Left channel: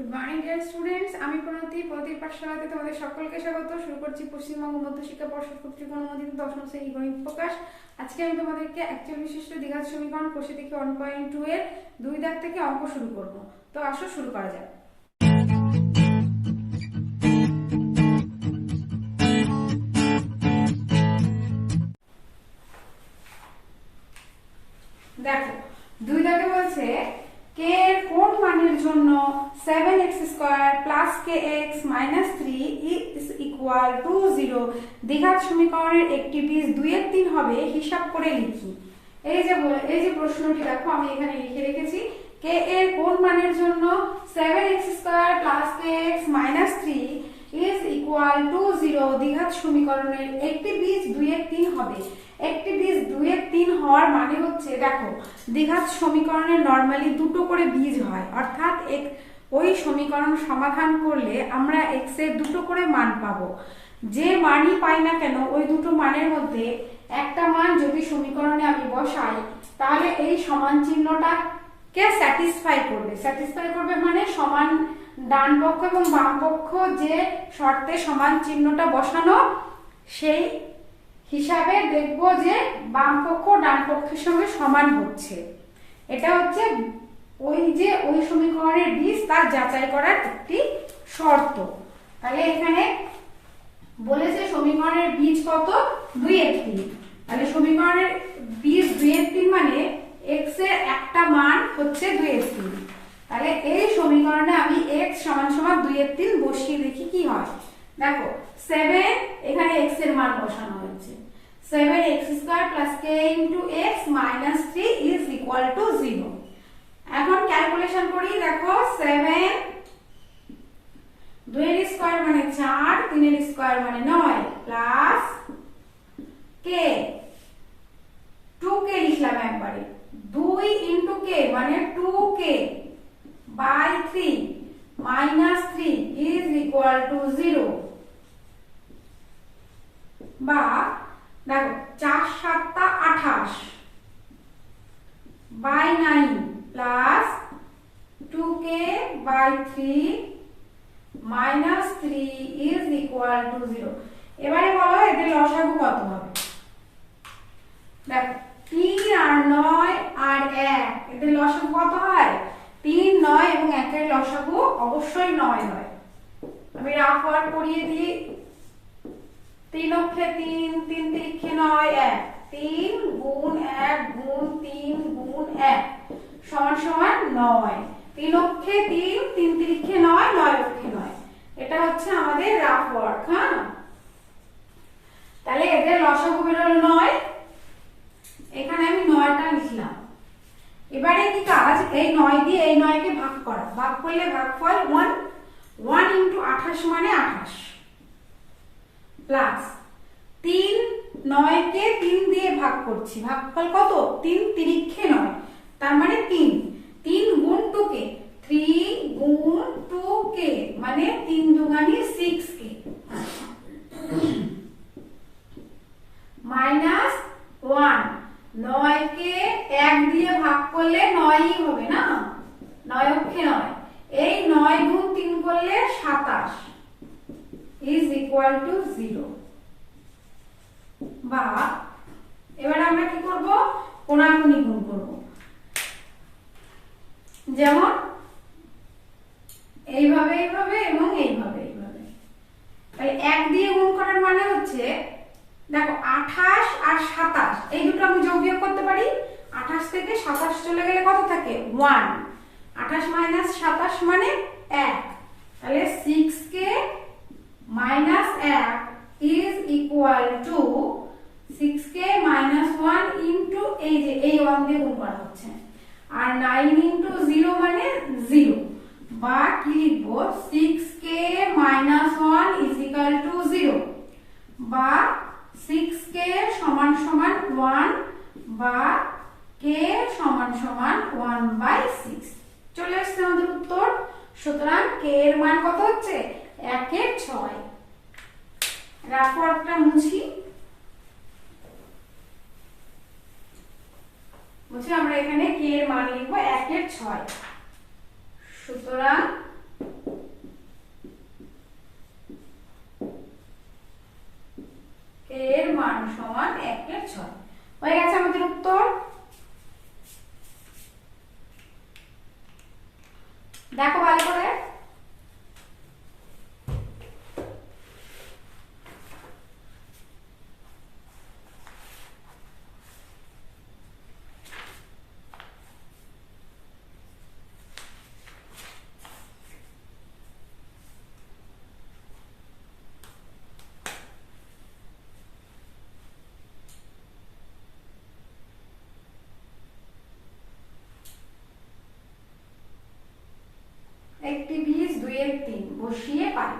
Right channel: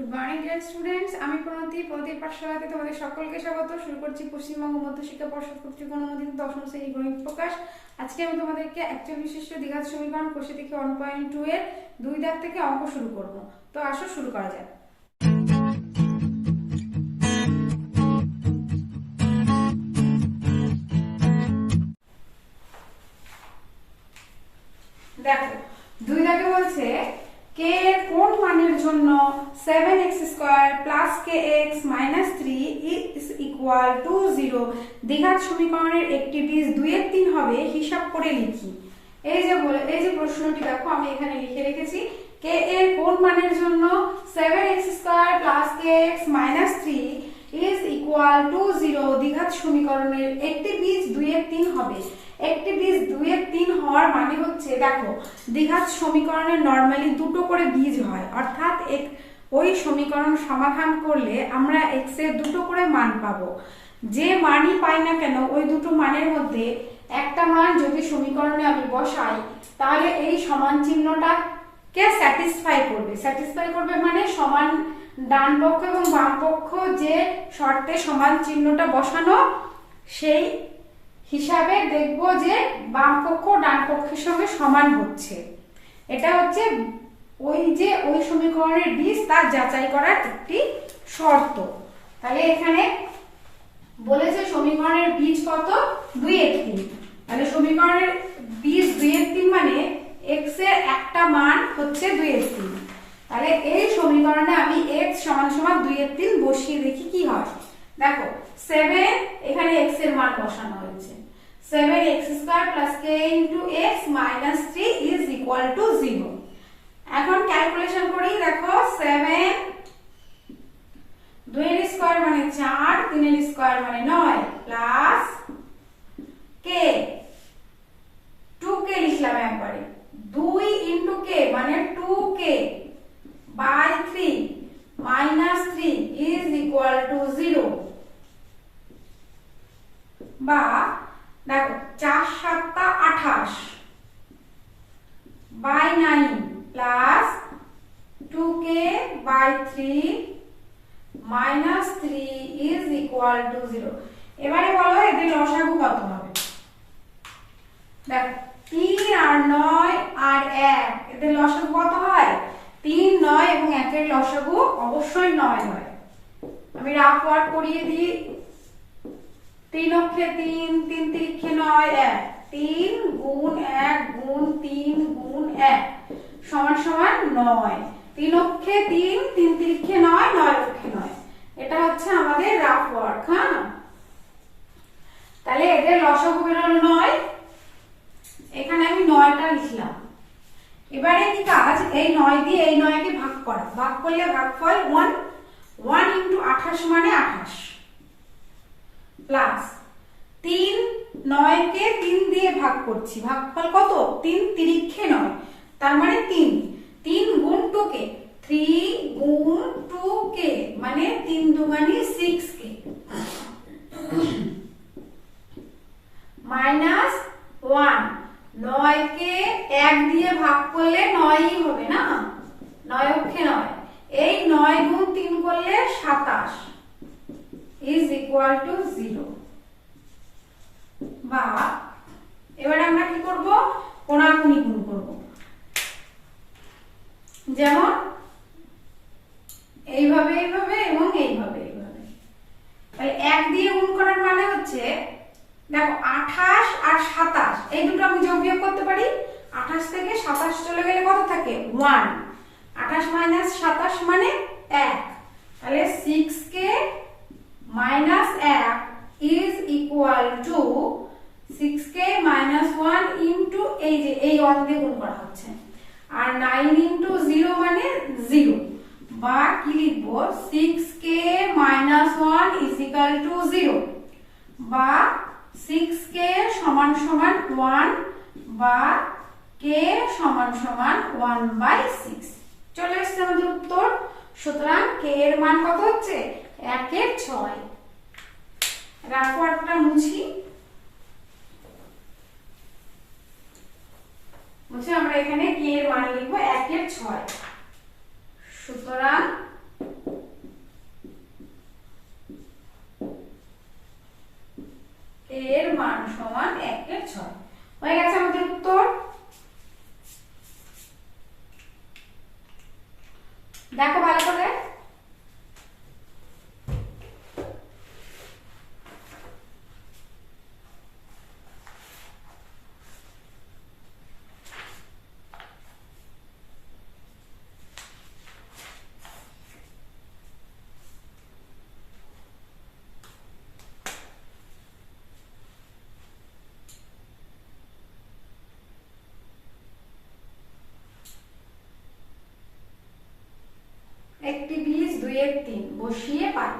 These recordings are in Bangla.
গুড মর্নিং ডিয়ার স্টুডেন্টস, আমি প্রণতির পাঠশালাতে তোমাদের সকলকে স্বাগত। শুরু করছি পশ্চিমবঙ্গ মধ্যশিক্ষা পর্ষদ কর্তৃক অনুমোদিত দশম শ্রেণী গণিত প্রকাশ। আজকে আমি তোমাদেরকে অ্যাকচুয়াল বিশিষ্ট দ্বিঘাত সমীকরণ কোষে থেকে 1.2 এর 2 দাগ থেকে অঙ্ক শুরু করব। তো আসো শুরু করা যাক। দেখো 2 দাগে বলছে কে এর কোন মানের জন্য 7x² plus kx minus 3 is equal to 0 দ্বিঘাত সমীকরণের একটি বীজ 2 এর 3 হবে হিসাব করে লিখি। এই যে প্রশ্নটি দেখো আমি এখানে লিখে রেখেছি, কে এর কোন মানের জন্য 7x² plus kx minus 3 is equal to 0 দ্বিঘাত সমীকরণের একটি বীজ 2 এর 3 হবে। একটি বীজ 2 এর 3 হওয়ার মানে হচ্ছে, দেখো দ্বিঘাত সমীকরণের নরমালি দুটো করে বীজ হয়, অর্থাৎ ওই সমীকরণ সমাধান করলে আমরা x এর দুটো করে মান পাবো। যে মানই পাই না কেন ওই দুটো মানের মধ্যে একটা মান যদি সমীকরণে আমি বসাই তাহলে এই সমান চিহ্নটাকে স্যাটিসফাই করবে মানে সমান ডান পক্ষ এবং বাম পক্ষ যে শর্তে সমান চিহ্নটা বসানো সেই হিসাবে দেখবো যে বাম পক্ষ ডান পক্ষের সঙ্গে সমান হচ্ছে। এটা হচ্ছে ওই সমীকরণের বীজ তার যাচাই করার একটি শর্ত। তাহলে এখানে বলেছে সমীকরণের বীজ কত, 2 এর 3। তাহলে সমীকরণের বীজ 2 এর 3 মানে x এর একটা মান হচ্ছে 2 এর 3। তাহলে এই সমীকরণে আমি x সমান সমান 2 এর 3 বসিয়ে দেখি কি হয়। দেখো 7 এখানে x এর মান বসানো হয়েছে, 7x² plus k into x minus 3 is equal to 0। এখন ক্যালকুলেশন করি, দেখো 7 2 এর স্কয়ার মানে 4, 3 এর স্কয়ার মানে 9 প্লাস k 2k লিখলাম একবারে, 2 into k মানে 2k by 3 minus 3 is equal to 0। বা দেখো 4 7 28 by 9 plus 2k by 3 minus 3 is equal to 0। এবারে বলো এদের লসাগু কত হবে। দেখো 3 আর 9 আর 1 এদের লসাগু কত হয়, 3 9 এবং 1 এর লসাগু অবশ্যই 9 হয়। আমি রাফ ওয়ার্ক করিয়ে দিই, 3 অক্ষে 3, 3 তিরিক্ষে 9 1, 3 গুণ 1 গুণ 3 গুণ 1 সমান সমান 9। 3 অক্ষে 3, 3 তিরিক্ষে 9, 9 অক্ষে 9। এটা হচ্ছে আমাদের রাফ ওয়ার্ক। হ্যাঁ, তাহলে এদের লসাগু বেরোলো 9, এখানে আমি 9টা লিখলাম। এবারে কি কাজ, এই 9 দিয়ে এই 9 কে ভাগ করা, ভাগ করলে ভাগফল 1 1 into 28 মানে 28 প্লাস 3 9 কে 3 দিয়ে ভাগ করছি, ভাগফল কত, 3 তিরিক্ষে 9 তার মানে 3 3 গুণ 2k, 3 গুণ 2k মানে 3 দুগুণে 6k মাইনাস 1 9 কে 1 দিয়ে ভাগ করলে 9ই হবে না, 9 অক্ষে 9, এই 9 গুণ 3 করলে 27 is equal to 0। বা এবার আমরা কি করব, কোণাকুণি গুণ করব, যেমন এইভাবে এইভাবে এবং এইভাবে এইভাবে। তাহলে 1 দিয়ে গুণ করার মানে হচ্ছে, দেখো 28 আর 27 এই দুটো আমি যোগ বিয়োগ করতে পারি, 28 থেকে 27 চলে গেলে কত থাকে 1, 28 মাইনাস 27 মানে 1। তাহলে 6k minus 1 is equal to 6k minus 1 into এই যে এই 1 দিয়ে গুণ করা হচ্ছে, আর 9 into 0 মানে 0। বা কি লিখবো, 6k minus 1 is equal to 0। বা 6k সমান সমান 1 বা k সমান সমান 1/6। চলে আসছে আমাদের উত্তর। সুতরাং k এর মান কত হচ্ছে, 1 এর 6। রাফ ওয়ার্কটা মুছি, আমরা এখানে k এর মান লিখবো 1 এর 6। সুতরাং দেখো ভালো করে। একটি বীজ 2/3 বসিয়ে পাই।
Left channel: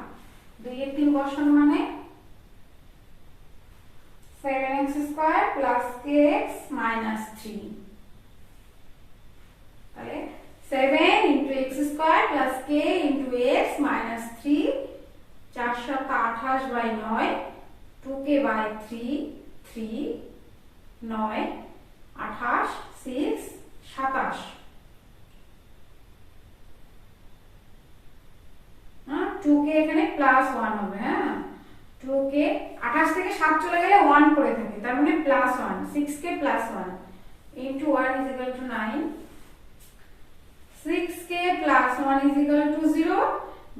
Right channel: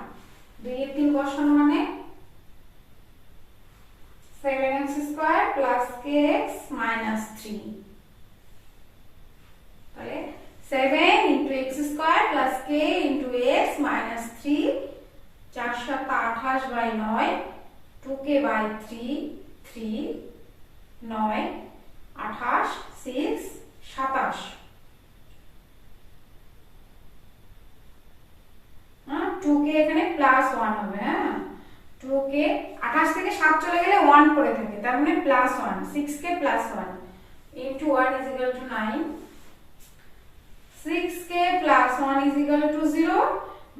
2/3 বসানো মানে 7x² প্লাস kx মাইনাস 3। তাহলে 7 into x² plus k into x minus 3, 4 7 28 by 9, 2k by 3, 3 9 28 6 27। 2k এখানে প্লাস 1 হবে। হ্যাঁ, 2k 28 থেকে 7 চলে গেলে 1 করে থাকে, তার মানে plus 1, 6k plus 1 into 1 is equal to 9, 6k plus 1 is equal to 0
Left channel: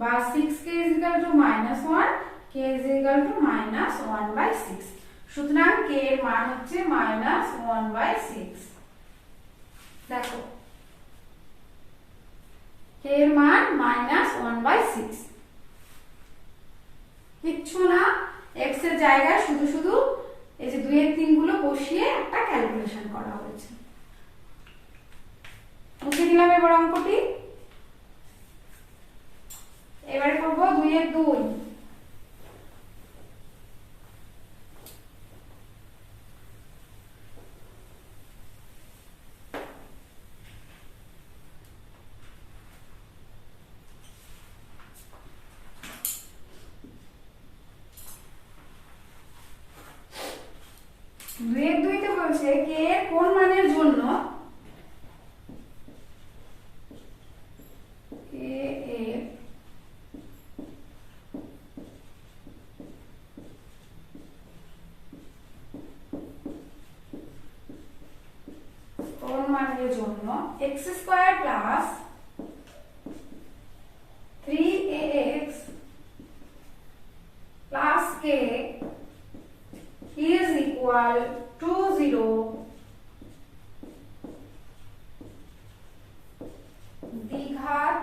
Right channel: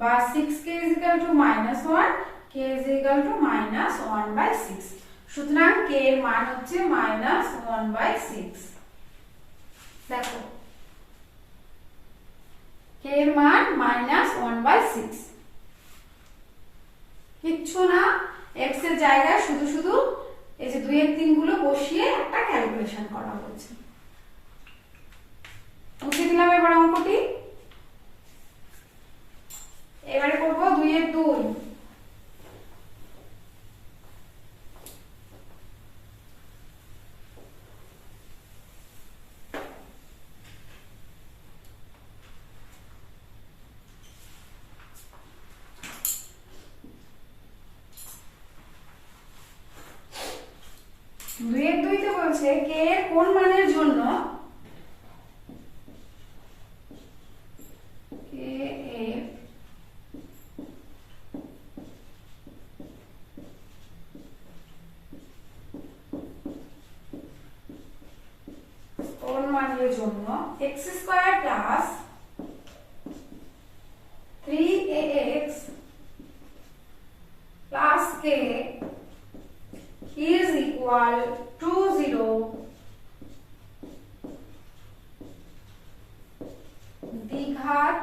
বা 6k is equal to minus 1, k is equal to minus 1 by 6। সুতরাং k এর মান হচ্ছে minus 1 by 6। দেখো k এর মান minus 1 by 6। কিচ্ছু না, x এর জায়গায় শুধু শুধু এই যে 2/3 গুলো বসিয়ে একটা ক্যালকুলেশন করা হয়েছে। মুছে দিলাম এবার অঙ্কটি। এবারে করব 2/2। তে বলছে k এর কোন মানের জন্য k এর কোন মানের জন্য x² plus 3ax plus k is equal to 0 দ্বিঘাত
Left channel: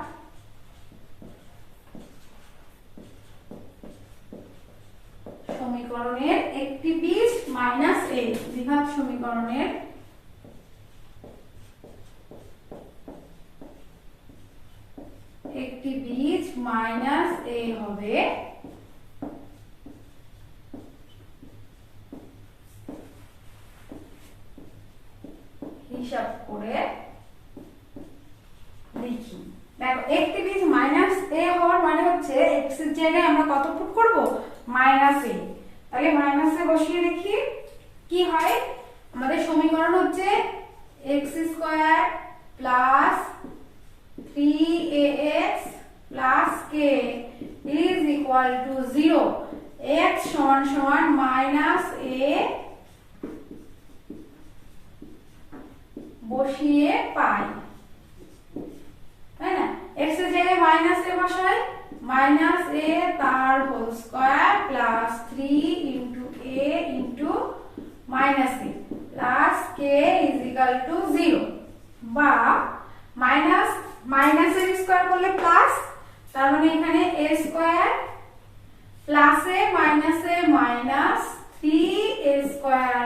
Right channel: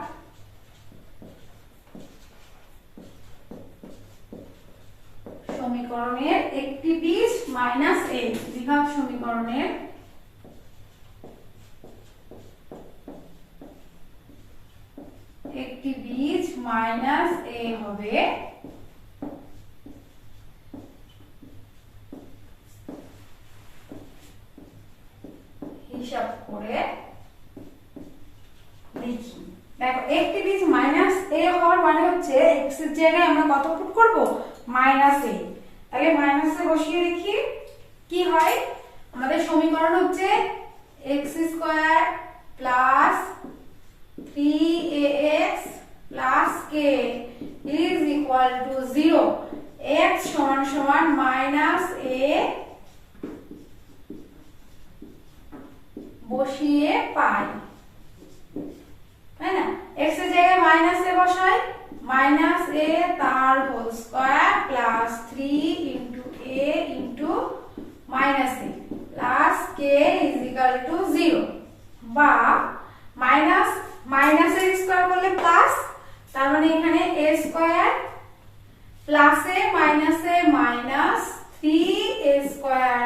সমীকরণের একটি বীজ মাইনাস a। দ্বিঘাত সমীকরণের একটি বীজ মাইনাস a হবে হিসাব করে লিখি। দেখো একটি বীজ মাইনাস a হওয়ার মানে হচ্ছে x এর জায়গায় আমরা কত পুট করব, মাইনাস a। তাহলে মাইনাস a বসিয়ে দেখি কি হয়। আমাদের সমীকরণ হচ্ছে x² plus 3ax plus k is equal to 0। x সমান সমান মাইনাস a বসিয়ে পাই, তাই না? x এর জায়গায় মাইনাস a বসাই, মাইনাস a তার whole square plus 3 into a into minus a plus k is equal to 0 বা মাইনাস মাইনাস a স্কয়ার করলে প্লাস, তার মানে এখানে a square plus a minus minus 3a square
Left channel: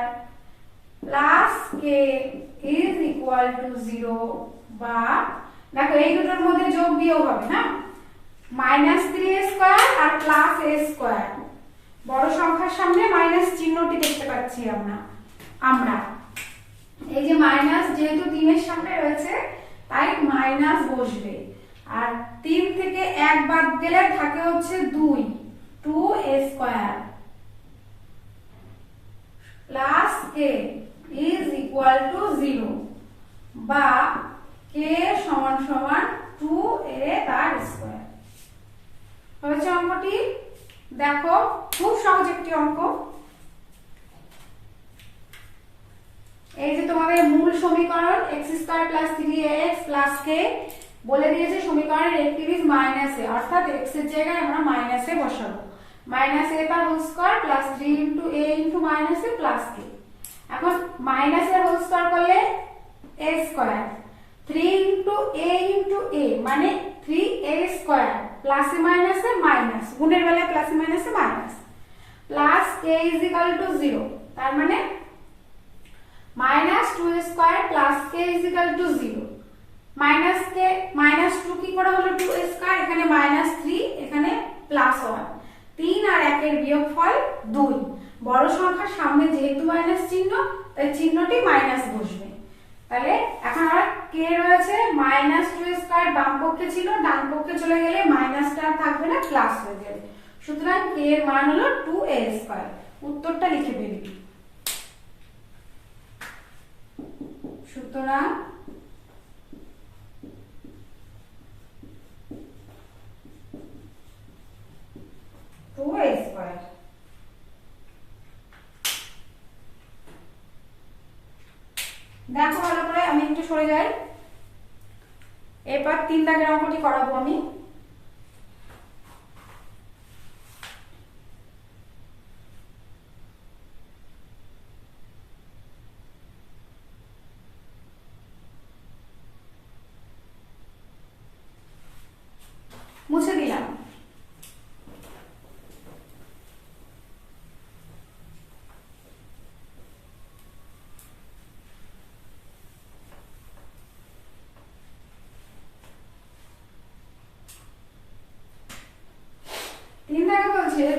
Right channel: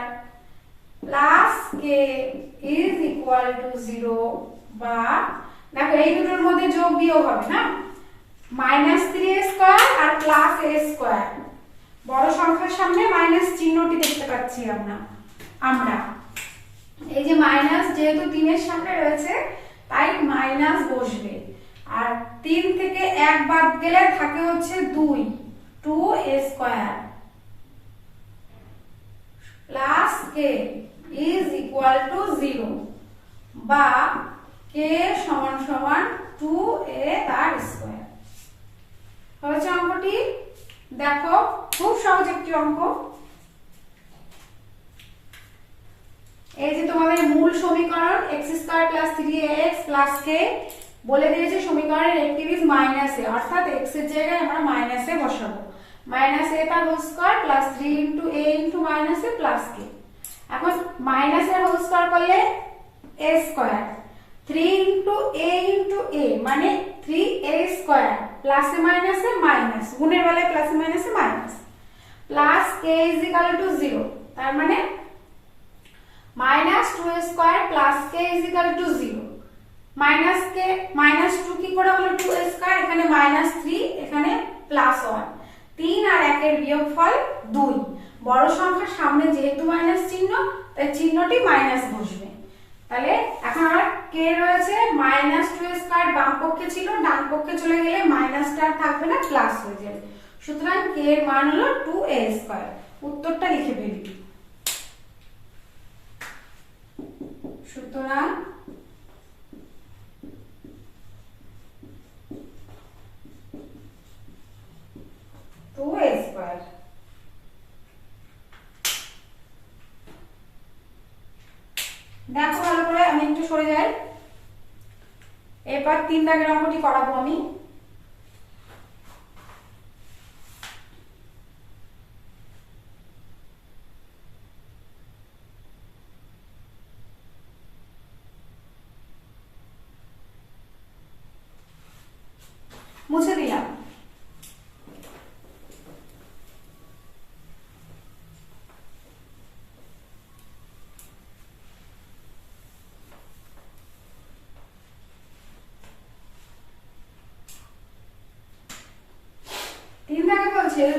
plus k is equal to 0 বা দেখো এই দুটোর মধ্যে যোগ বিয়োগ হবে না, মাইনাস 3a স্কয়ার আর প্লাস a স্কয়ার। বড় সংখ্যার সামনে মাইনাস চিহ্নটি দেখতে পাচ্ছি আমরা এই যে মাইনাস যেহেতু 3 এর সামনে রয়েছে তাই মাইনাস বসবে, আর 3 থেকে 1 বাদ গেলে থাকে হচ্ছে 2a square plus k is equal to 0 বা k সমান সমান 2a তার স্কয়ার। হয়েছে অঙ্কটি। দেখো খুব সহজ একটি অঙ্ক। এই যে তোমাদের মূল সমীকরণ x² plus 3ax plus k বলে দিয়েছে সমীকরণের রেক্টিভ ইজ -a, অর্থাৎ x এর জায়গায় আমরা -a বসাবো। -a তার whole square plus 3 into a into -a plus k। এখন মাইনাস এর হোল স্কয়ার করলে a স্কয়ার, 3 ইনটু a মানে 3a স্কয়ার, প্লাসে মাইনাসে মাইনাস, গুণের বেলায় প্লাসে মাইনাসে minus, plus k is equal to 0, তার মানে -2a square plus k is equal to 0। -2 কি করে হলো 2a স্কয়ার, এখানে -3, এখানে +1, 3 আর 1 এর বিয়োগফল 2। বড় সংখ্যার সামনে যেহেতু মাইনাস চিহ্ন, তাই চিহ্নটি মাইনাস বসবে। তাহলে এখন আমার k রয়েছে -2a স্কয়ার, বাম পক্ষে ছিল, ডান পক্ষে চলে গেলে মাইনাসটা আর থাকবে না, প্লাস হয়ে যাবে। সুতরাং k এর মান হলো 2a স্কয়ার। উত্তরটা লিখে ফেলি। সুতরাং দেখো ভালো করে, আমি একটু সরে যাই, এরপর 3 দাগের অঙ্কটি করাবো আমি। মুছে দিলাম।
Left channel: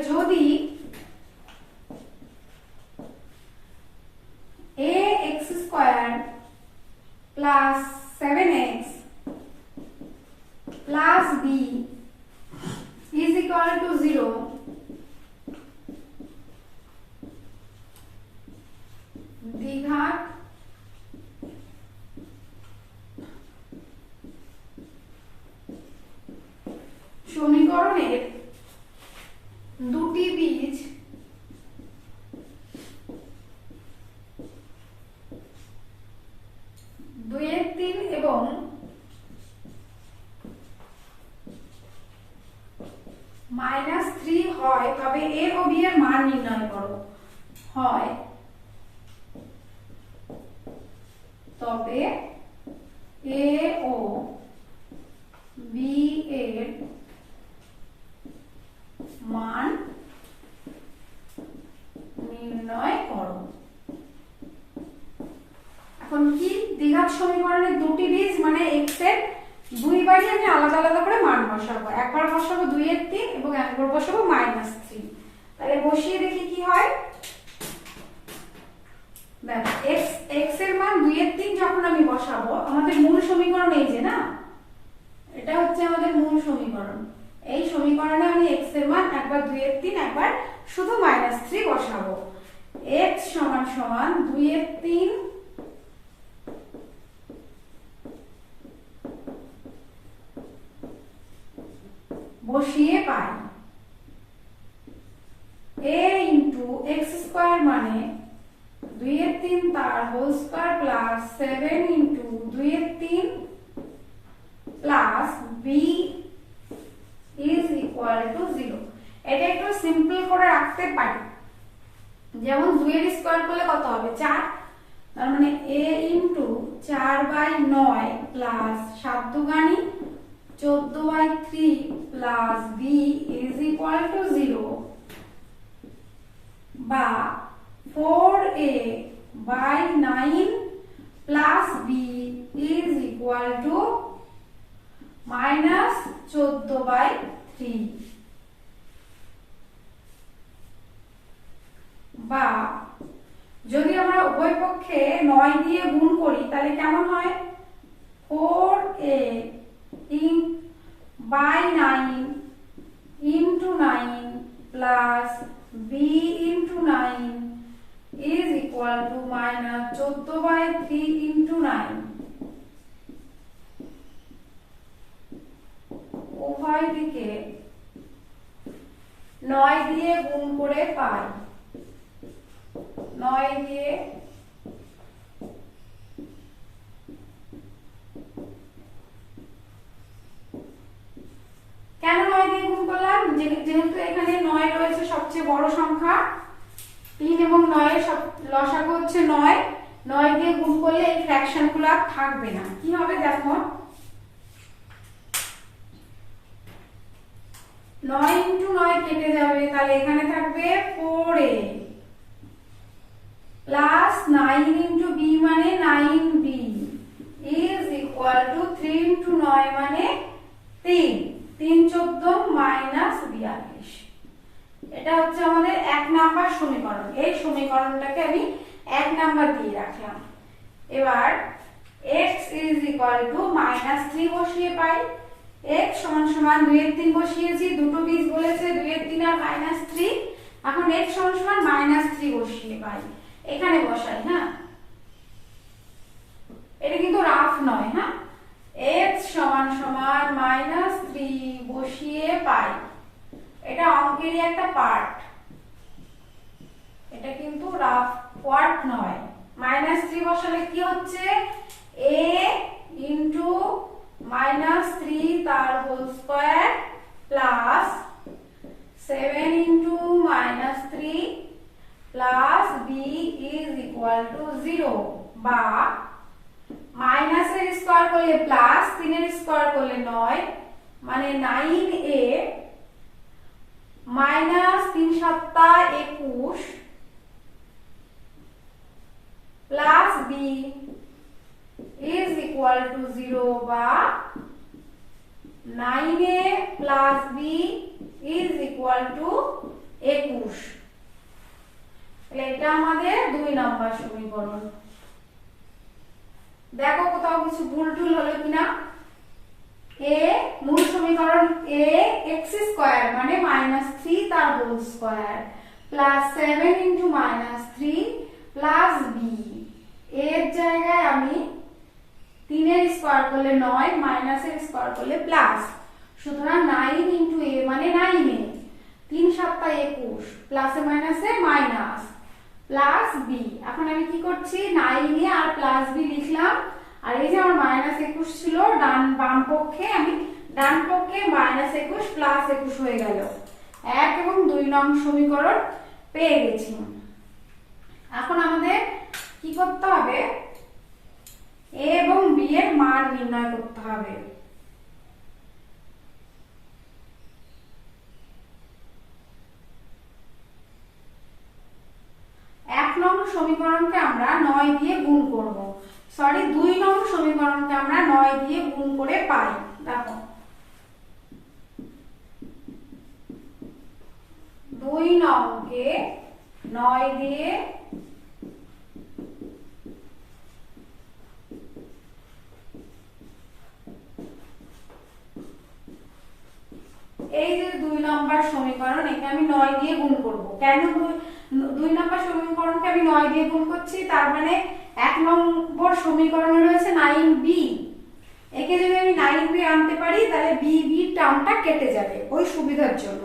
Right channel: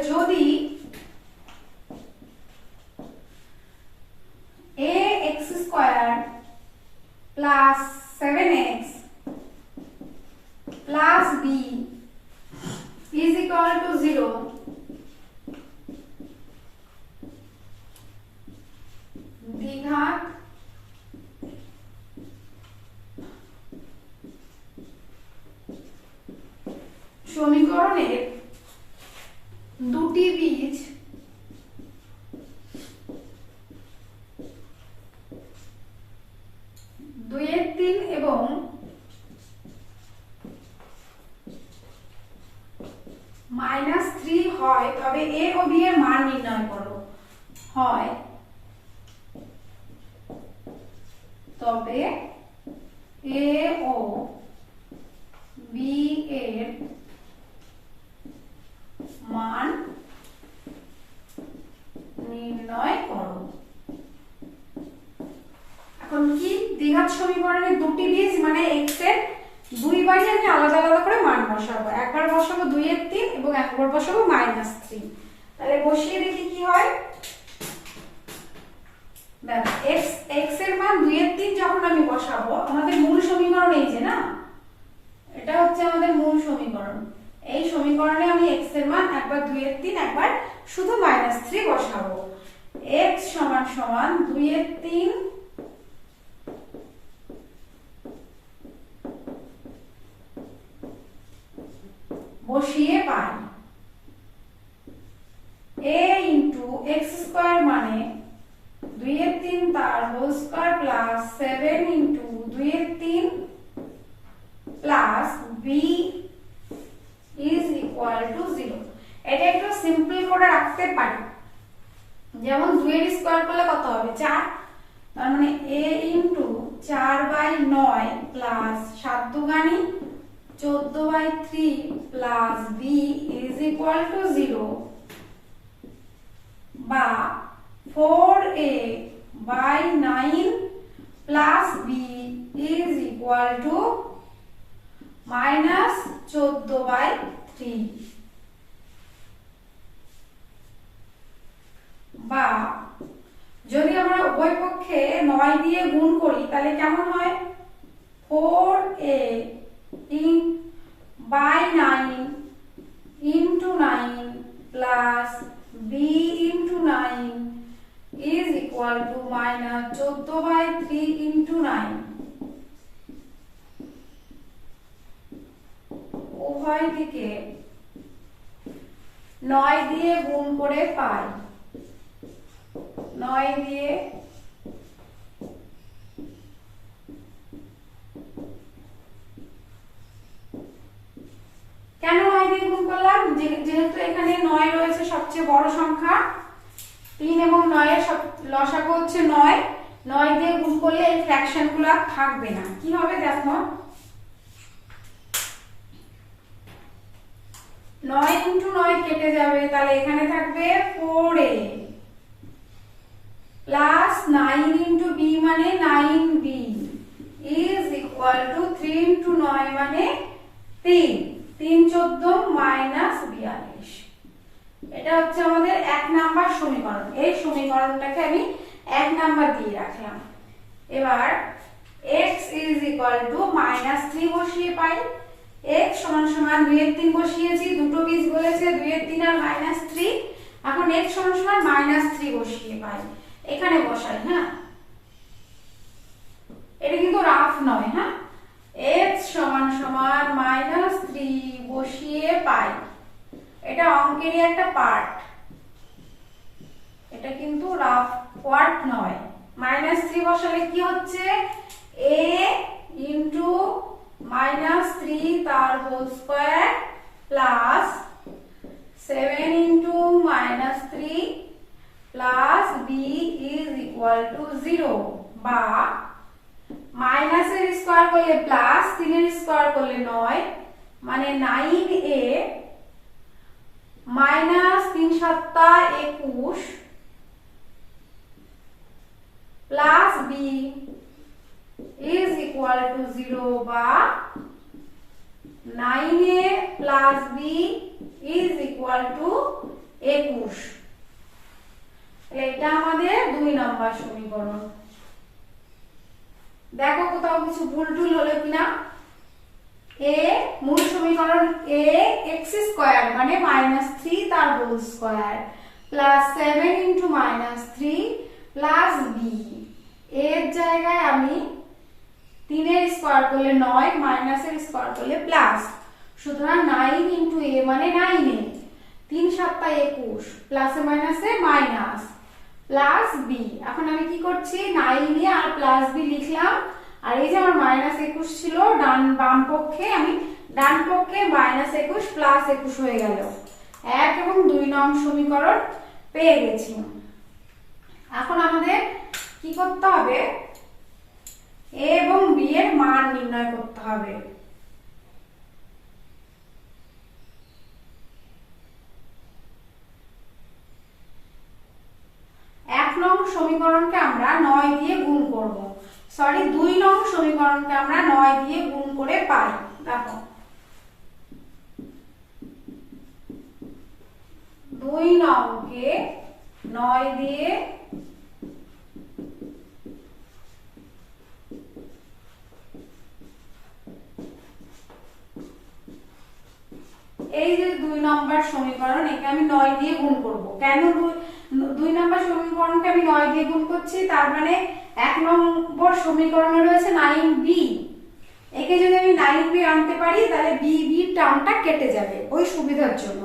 যদি ax square plus 7x plus b is equal to 0, দ্বিঘাত সমীকরণের দুটি বীজ -3 এবং -3 হয়, তবে a ও b এর মান নির্ণয় করো। হয় তবে a ও b এর মান নির্ণয় করো। এখন কি, দ্বিঘাত সমীকরণের দুটি বীজ মানে x এর দুইবারই আমি আলাদা আলাদা করে মান বসাবো। একবার বসাবো 2/3 এবং একবার বসাবো -3। তাহলে বসিয়ে দেখি কি হয়। দেখো x এর মান 2/3 যখন আমি বসাবো, আমাদের মূল সমীকরণ এই যে না, এটা হচ্ছে আমাদের মূল সমীকরণ। এই সমীকরণে আমি x এর মান একবার 2/3, একবার শুধু -3 বসাবো। x সমান সমান 2/3 বসিয়ে পাই a ইনটু x স্কয়ার মানে 2/3 তার whole square plus 7 into 2/3 plus b is equal to 0। এটা একটু সিম্পল করে রাখতে পারি। যেমন 2 এর স্কয়ার করলে কত হবে 4, তার মানে a into 4/9 plus 7 দুগুণী 14/3 plus b is equal to 0, বা 4a/9 plus b is equal two -14/3, বা যদি আমরা উভয় পক্ষে 9 দিয়ে গুণ করি তাহলে কেমন হয়, 4a/9 into 9 plus b into 9 is equal to -14/3 into 9। উভয় দিকে 9 দিয়ে গুণ করে পাই, 9 দিয়ে যেহেতু এখানে 9 রয়েছে সবচেয়ে বড় সংখ্যা, 3 এবং 9 এর লসাগু হচ্ছে 9, 9 দিয়ে গুণ করলে এই ফ্র্যাকশন গুলো আর থাকবে না। কি হবে দেখো, 9 × 9 কেটে যাবে, তাহলে এখানে থাকবে 4a প্লাস 9 × b মানে 9b ইজ ইকুয়াল টু 3 × 9 মানে 3, 3 14 মাইনাস 42। এটা হচ্ছে আমাদের 1 নাম্বার সমীকরণ। এই সমীকরণটাকে আমি 1 নাম্বার দিয়ে রাখলাম। এবার x ইজ ইকুয়াল টু -3 বসিয়ে পাই। x সমান সমান 2 এর 3 বসিয়েছি, দুটো বীজ বলেছে 2 এর 3 আর -3। এখন x সমান সমান -3 বসিয়ে পাই, এখানে বসাই। হ্যাঁ, এটা কিন্তু রাফ নয়। হ্যাঁ, x সমান সমান -3 বসিয়ে পাই, এটা অঙ্কেরই একটা পার্ট, এটা কিন্তু রাফ পার্ট নয়। -3 বসালে কি হচ্ছে, a ইন্টু -3 তার whole square plus 7 into -3 plus b is equal to 0, বা মাইনাসের স্কয়ার করলে প্লাস, 3 এর স্কয়ার করলে 9, মানে 9a minus 3 7 21 plus b is equal to 0, বা 9a plus b is equal two 21। এটা আমাদের 2 নম্বর সমীকরণ। দেখো কোথাও কিছু ভুল টুল হলো কিনা। a মূল সমীকরণ a x স্কয়ার মানে -3 তার whole square plus 7 into -3 plus b, এর জায়গায় আমি 3 এর স্কয়ার করলে 9, মাইনাসের স্কয়ার করলে প্লাস, সুতরাং 9 ইন্টু a মানে 9a, 3 7 21 প্লাসে মাইনাসে মাইনাস প্লাস b। এখন আমি কি করছি, 9a আর প্লাস b লিখলাম, আর এই যে আমার -21 ছিল বাম পক্ষে, আমি ডান পক্ষে -21 প্লাস 21 হয়ে গেল। 1 এবং 2 নং সমীকরণ পেয়ে গেছি। এখন আমাদের কি করতে হবে, a এবং b এর মান নির্ণয় করতে হবে। সমীকরণকে আমরা 9 দিয়ে গুণ করব, সরি 2 নং সমীকরণকে আমরা 9 দিয়ে গুণ করে পাই। দেখো 2 নংকে 9 দিয়ে এই যে 2 নম্বর সমীকরণ, একে আমি 9 দিয়ে গুণ করব। কেন 2 নম্বর সমীকরণকে আমি 9 দিয়ে গুণ করছি, তার মানে 1 নম্বর সমীকরণে রয়েছে 9b, একে যদি আমি 9b আনতে পারি তাহলে b টার্মটা কেটে যাবে ওই সুবিধার জন্য।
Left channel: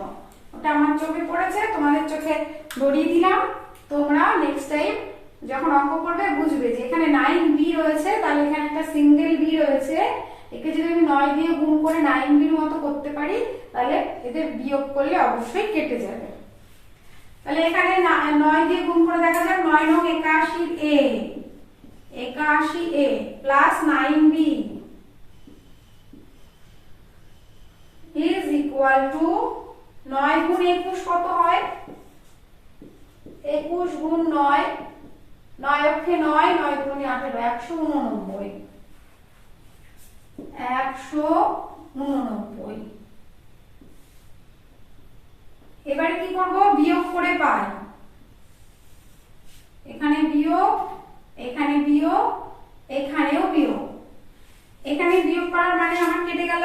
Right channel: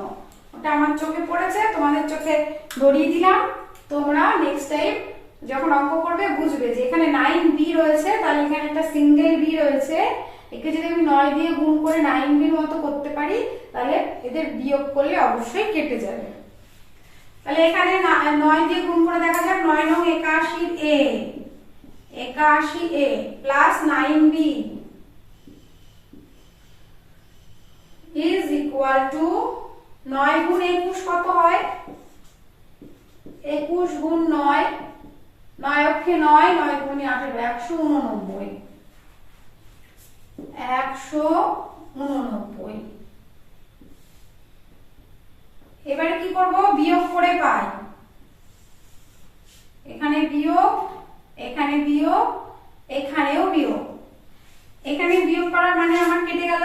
ওটা আমার চোখে পড়েছে, তোমাদের চোখে ধরিয়ে দিলাম। তোমরা নেক্সট টাইম যখন অঙ্ক করবে বুঝবে যে এখানে 9b রয়েছে, তাহলে এখানে একটা সিঙ্গেল b রয়েছে, একে যদি আমি 9 দিয়ে গুণ করে 9b এর মতো করতে পারি তাহলে এদের বিয়োগ করলে অবশ্যই কেটে যাবে। তাহলে এখানে 9 দিয়ে গুণ করে দেখা যাক, 9 নং 81a plus 9b is equal two 9 গুণ 21 কত হয়, 21 গুণ 9, 9 অক্ষে 9, 9 গুণ 18, 189। এবারে কি করব, বিয়োগ করে পাই, এখানে বিয়োগ, এখানে বিয়োগ, এখানেও বিয়োগ। এখানে বিয়োগ করার মানে আমার কেটে গেল,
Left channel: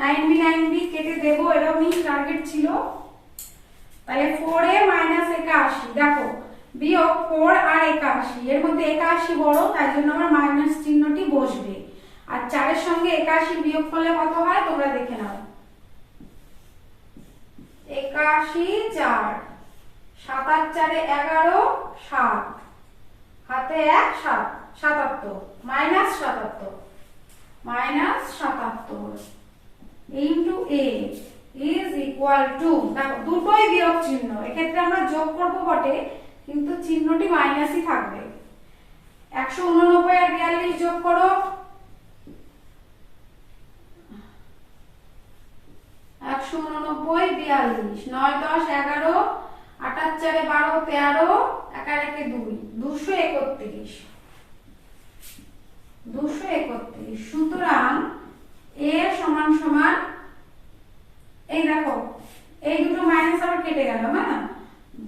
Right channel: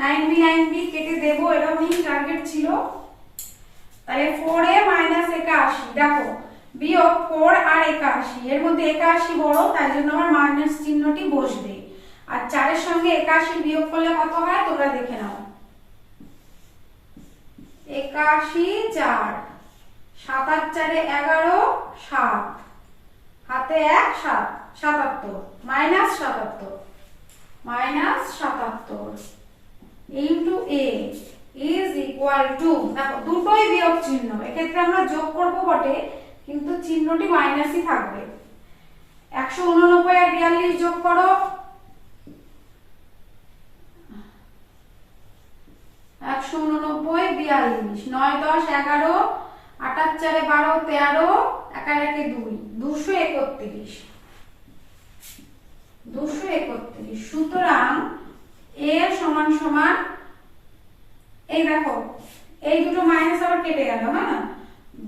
9b কেটে দেব, এটাও মেইন টার্গেট ছিল। তাহলে 4a মাইনাস 81, দেখো বিয়োগ 4 আর 81, এর মধ্যে 81 বড়, তাই জন্য আমার মাইনাস চিহ্নটি বসবে। আর 4 এর সঙ্গে 81 বিয়োগ করলে কত হয় তোমরা দেখে নাও, 81 4, 7 আর 4 11, 7 হাতে 1, 7, 77 minus 77 into a is equal equal to, দেখো দুটোই বিয়োগ চিহ্ন, এক্ষেত্রে আমরা যোগ করব বটে কিন্তু চিহ্নটি মাইনাসই থাকবে। 189 আর 42 যোগ করো, 189 42, 9 10 11, 8 4 12 13, 1 1 2, 231, 231। সুতরাং a সমান সমান, এই দেখো এই দুটো মাইনাস আবার কেটে গেল, হ্যাঁ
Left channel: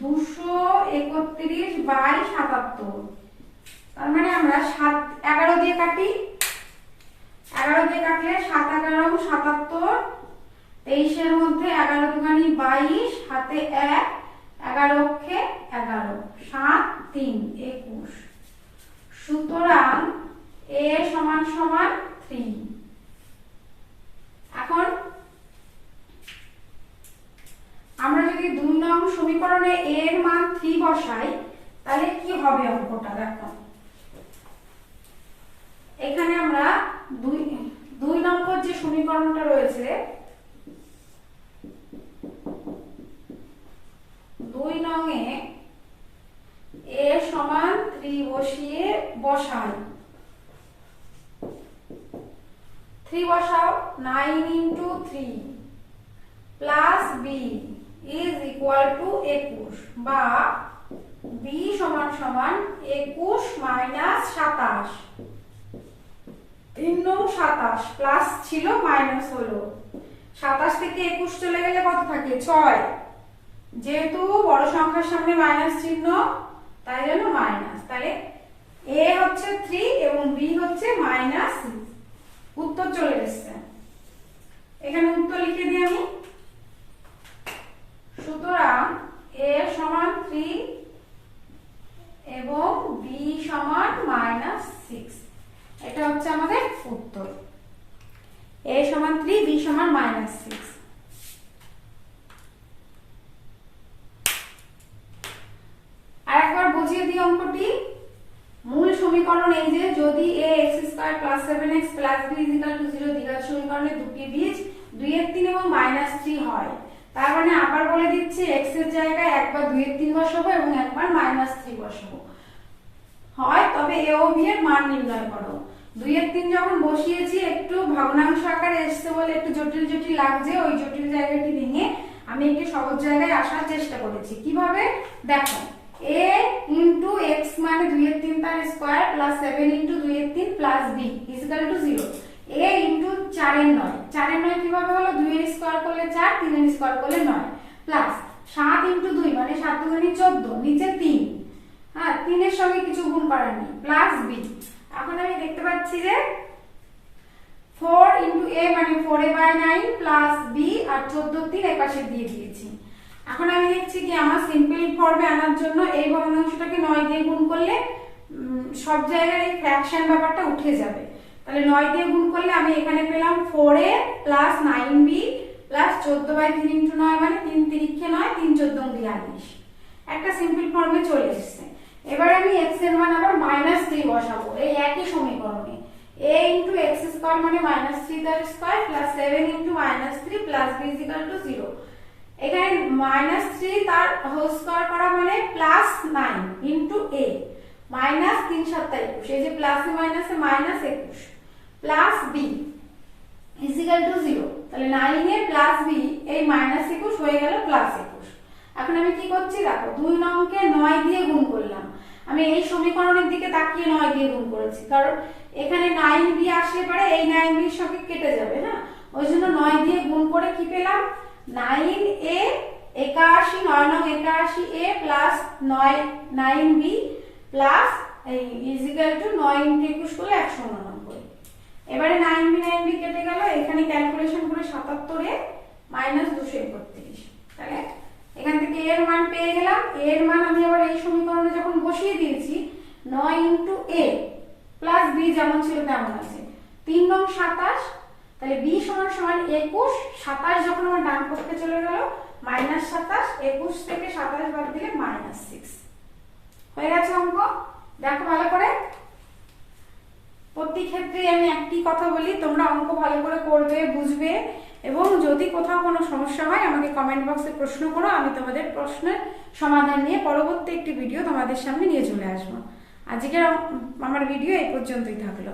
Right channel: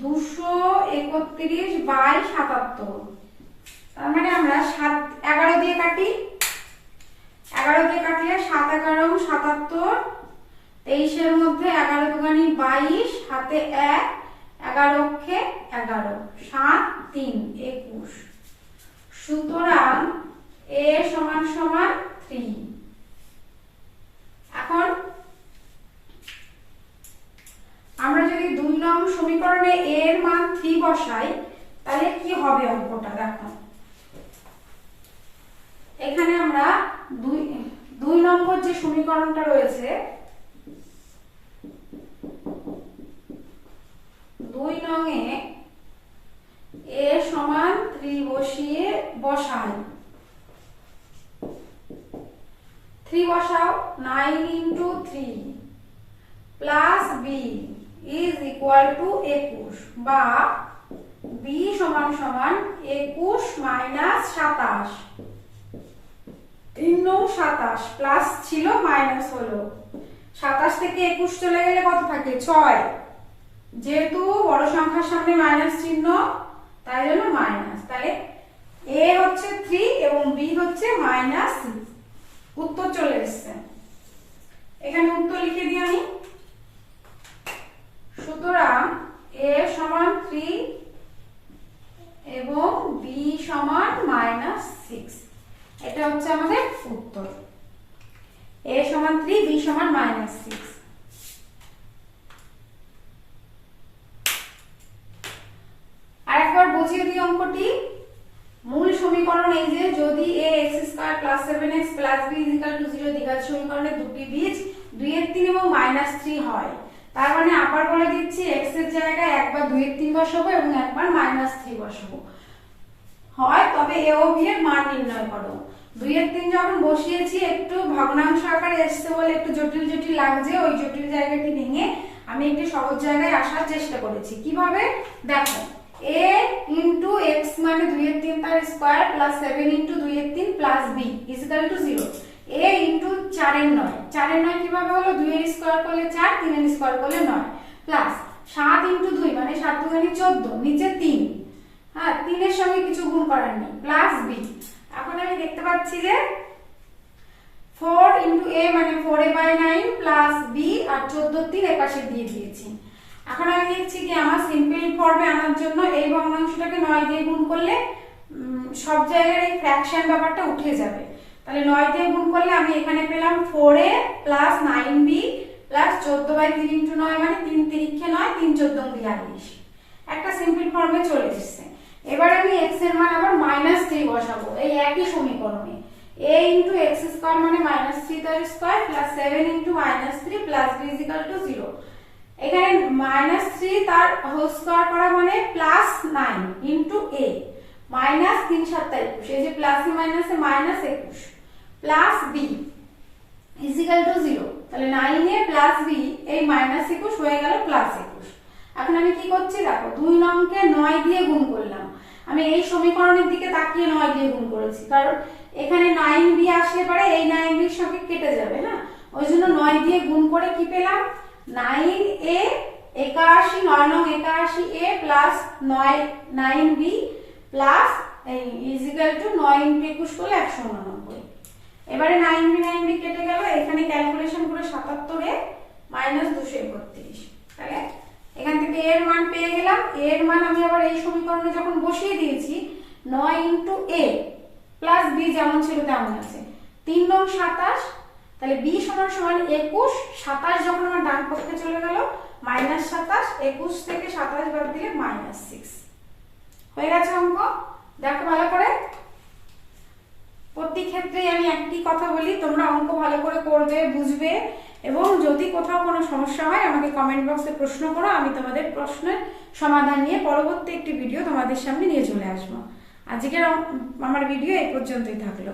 231 বাই 77, তার মানে আমরা 11 দিয়ে কাটি, 11 দিয়ে কাটলে 7 11 77, 23 এর মধ্যে 11 দুগুণে 22, হাতে 1, 11 অক্ষে 11, 7 3 21। সুতরাং a সমান সমান 3। এখন আমরা যদি 2 নং সমীকরণে a এর মান 3 বসাই তাহলে কি হবে অঙ্কটা দেখো। এখানে আমরা 2 নম্বর যে সমীকরণটা রয়েছে, 2 নংয়ে a সমান 3 বসিয়ে বসাই, 3 বসাও, 9 into 3 plus b is equal to 21, বা b সমান সমান 21 minus 27, 3 9 27 প্লাস ছিল মাইনাস হলো, 27 থেকে 21 চলে গেলে কত থাকে 6, যেহেতু বড় সংখ্যার সামনে মাইনাস চিহ্ন তাই জন্য মাইনাস, তাহলে a হচ্ছে 3 এবং b হচ্ছে মাইনাস। উত্তর চলে এসেছে, এখানে উত্তর লিখে দিই আমি। সুতরাং a সমান 3 এবং b সমান -6, এটা হচ্ছে আমাদের উত্তর। a সমান 3, b সমান -6। আর একবার বুঝিয়ে দিই অঙ্কটি। মূল সমীকরণ এই যে, যদি ax² + 7x + b = 0 দ্বিঘাত সমীকরণে দুটি বীজ 2 এর 3 এবং -3 হয়, তার মানে আবার বলে দিচ্ছি x এর জায়গায় একবার 2 এর 3 বসাবো এবং একবার -3 বসাবো হয়, তবে a ও b এর মান নির্ণয় করো। 2 এর 3 যখন বসিয়েছি একটু ভগ্নাংশ আকারে এসছে বলে একটু জটিল জটিল লাগছে, ওই জটিল জায়গাটি ভেঙে আমি একটু সহজ জায়গায় আসার চেষ্টা করেছি। কিভাবে দেখো, a into x মানে 2 এর 3 তার স্কয়ার প্লাস 7 into 2 এর 3 plus b is equal to 0, a into 4 এর 9, 4 এর 9 কিভাবে হলো, 2 এর স্কয়ার করলে 4, 3 এর স্কয়ার করলে 9, প্লাস 7 into 2 মানে 7 দুগুণে 14, নিচে 3, হ্যাঁ 3 এর সঙ্গে কিছু গুণ করার নেই, প্লাস b। এখন আমি দেখতে পাচ্ছি যে 4 into a মানে 4a/9 প্লাস b আর 14 3 এর পাশে দিয়ে দিয়েছি। এখন আমি দেখছি কি আমার সিম্পল ফর্মে আনার জন্য এই ভগ্নাংশটাকে 9 দিয়ে গুণ করলে সব জায়গায় এই ফ্র্যাকশন ব্যাপারটা উঠে যাবে, তাহলে 9 দিয়ে গুণ করলে আমি এখানে পেলাম 4a plus 9b plus 14/3 into 9 মানে 3 3 9, 3 14 42, একটা সিম্পল ফর্মে চলে এসেছে। এবার আমি x এর মান আবার -3 বসাবো এই একই সমীকরণে, a into x² মানে -3 তার square plus 7 into -3 plus b is equal to 0। এখানে -3 তার হোল স্কয়ার করা মানে +9 into a -3 7 21, এই যে প্লাসে মাইনাসে -21 plus b is equal to 0, তাহলে 9a প্লাস b এই -21 হয়ে গেল +21। এখন আমি কি করছি দেখো, 2 নংকে 9 দিয়ে গুণ করলাম, আমি এই সমীকরণের দিকে তাকিয়ে 9 দিয়ে গুণ করেছি, কারণ এখানে 9b আসলে পরে এই 9b এর সঙ্গে কেটে যাবে না, ওই জন্য 9 দিয়ে গুণ করে কি পেলাম 9a 81, 9 নং 81a প্লাস 9b প্লাস এই ইজ ইকুয়াল টু 9 into 21 করলে 189। এবারে 9b কেটে গেল, এখানে ক্যালকুলেশন করে 77 এ -231, তাহলে এখান থেকে এর মান পেয়ে গেলাম। এর মান আমি আবার এই সমীকরণে যখন বসিয়ে দিয়েছি 9 into a প্লাস b যেমন ছিল তেমন আছে, 3 নং 27, তাহলে b সমান সমান 21, 27 যখন আমার ডান পক্ষে চলে গেল -27, 21 থেকে 27 বাদ দিলে -6 হয়ে গেছে অঙ্ক। দেখো ভালো করে, প্রতি ক্ষেত্রে আমি একটি কথা বলি, তোমরা অঙ্ক ভালো করে করবে, বুঝবে এবং যদি কোথাও কোনো সমস্যা হয় আমাকে কমেন্ট বক্সে প্রশ্ন করো, আমি তোমাদের প্রশ্নের সমাধান নিয়ে পরবর্তী একটি ভিডিও তোমাদের সামনে নিয়ে চলে আসবো। আজকের আমার ভিডিও এই পর্যন্তই থাকলো।